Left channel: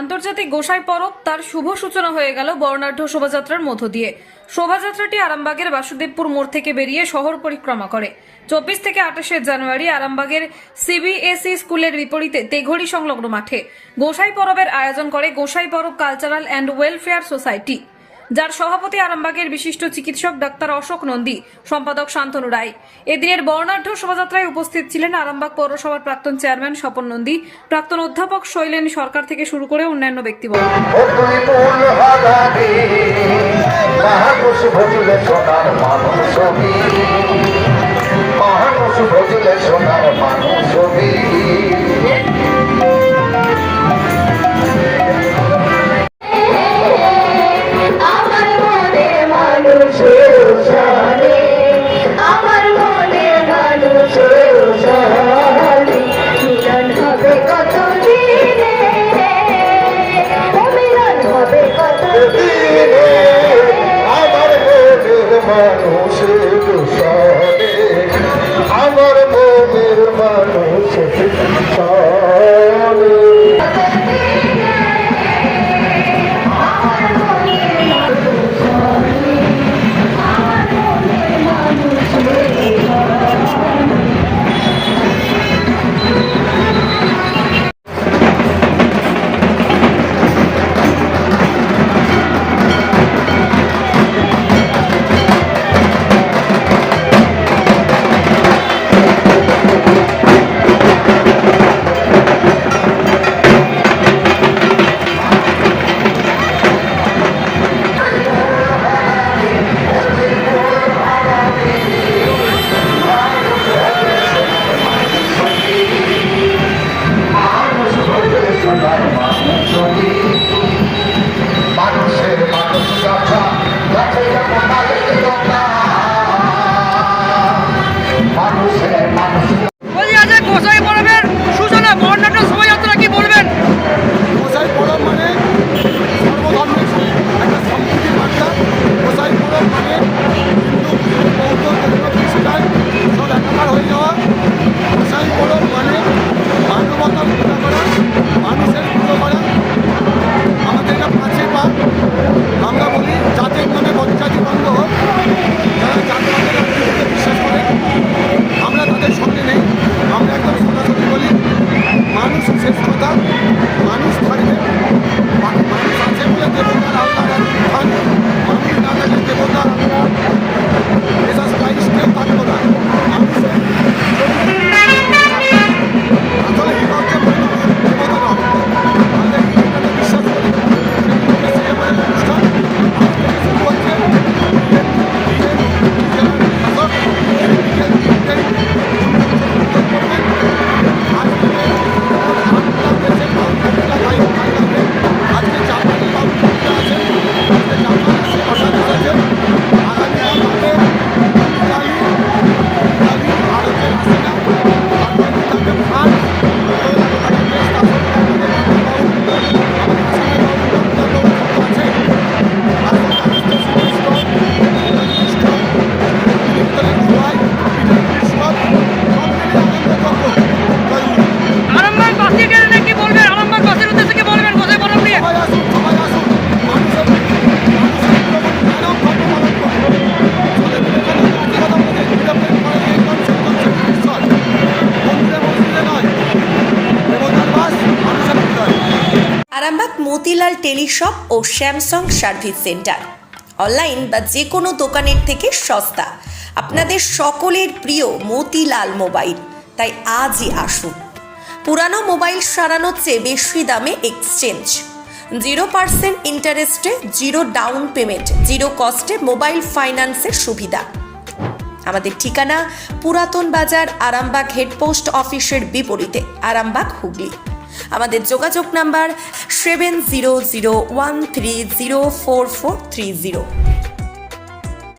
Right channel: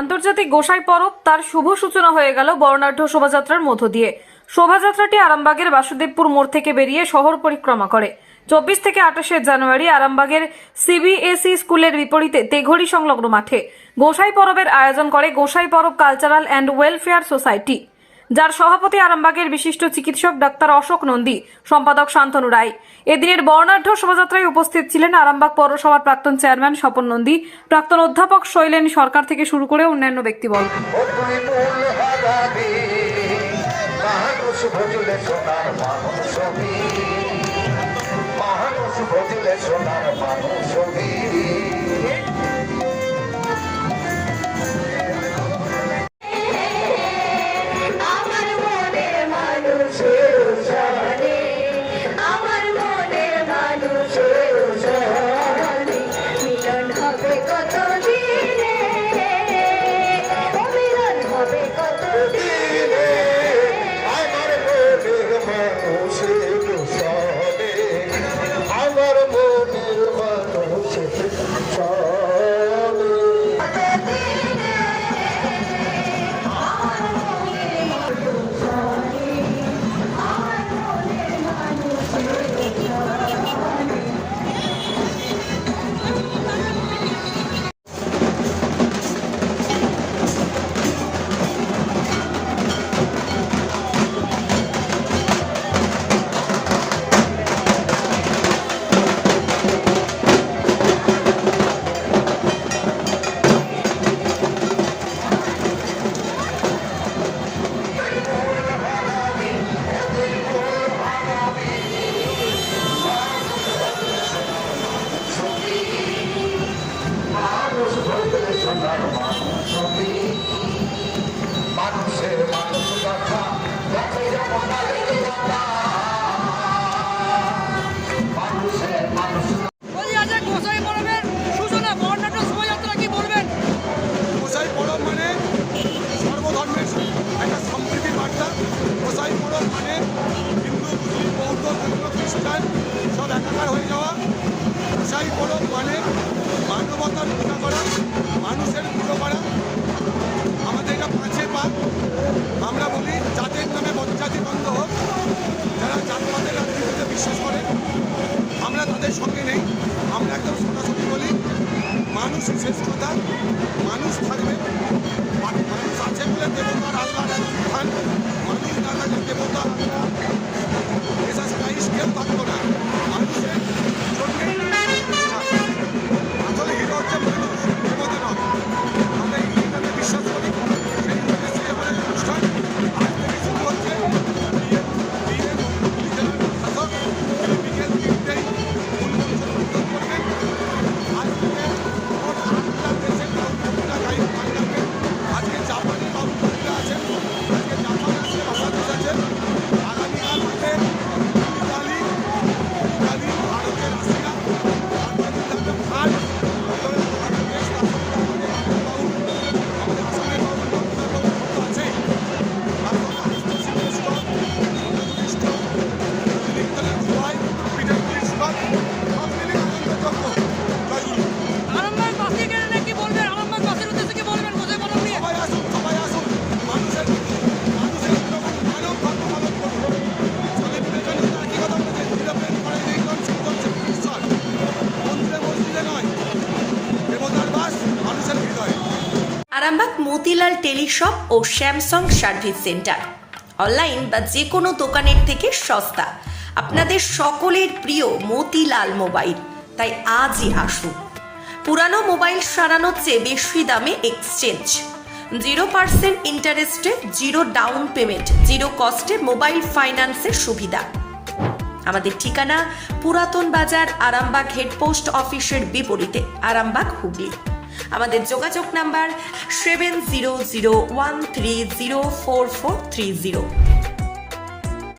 আন্তর্জাতিক গোসাই পরব তার শুভ সূচনা হয়ে গেল বর্ণাঢ্য শোভাযাত্রার মধ্য দিয়ে। শোভাযাত্রাটি আরামবাগের বাসুদেবপুর মোড় থেকে বেরিয়ে শহর পরিক্রমা করে 24 থেকে 28 জানুয়ারি আরামবাগের সিবিএসই স্কুলের বিপরীতে তেঘড়ি সংলগ্ন মাঠে গোসাই পরবের আয়োজন করে গোসাই পরব কালচারাল অ্যান্ড ওয়েলফেয়ার সোসাইটি, যার সভাপতি আরামবাগের বিশিষ্ট চিকিৎসক ডাক্তার অশোক নন্দী, সম্পাদক শান্তনু রায়। এদিনের বর্ণাঢ্য শোভাযাত্রায় উপস্থিত ছিলেন আরামবাগ পৌরসভার প্রাক্তন চেয়ারম্যান স্বপন নন্দী, প্রাক্তন অধ্যাপক শৈলেন সরকার থেকে শুরু করে অন্যান্য ব্যক্তিবর্গ। আরামবাগ মতিলাল টেলিশপ ও স্যামসাং সার্ভিস সেন্টার, অনলাইন বা যে কোনো দোকানের থেকে সস্তা। আপনাদের সকলের প্রিয় মতিলাল মোবাইল, তাই আজই আসুন। পুরানো মোবাইল সারানোর চেয়ে বেশি দামে এক্সচেঞ্জ, 0% ইন্টারেস্টে, 0 ডাউন পেমেন্ট, 0 কস্টে মোবাইল ফাইন্যান্সের সুবিধা। আমাদের ঠিকানা পুরাতন বাজার, আরামবাগ হেডপোস্ট অফিসের বিপরীতে, আরামবাগ, হুগলি। আমাদের যোগাযোগ নাম্বার 7001304430।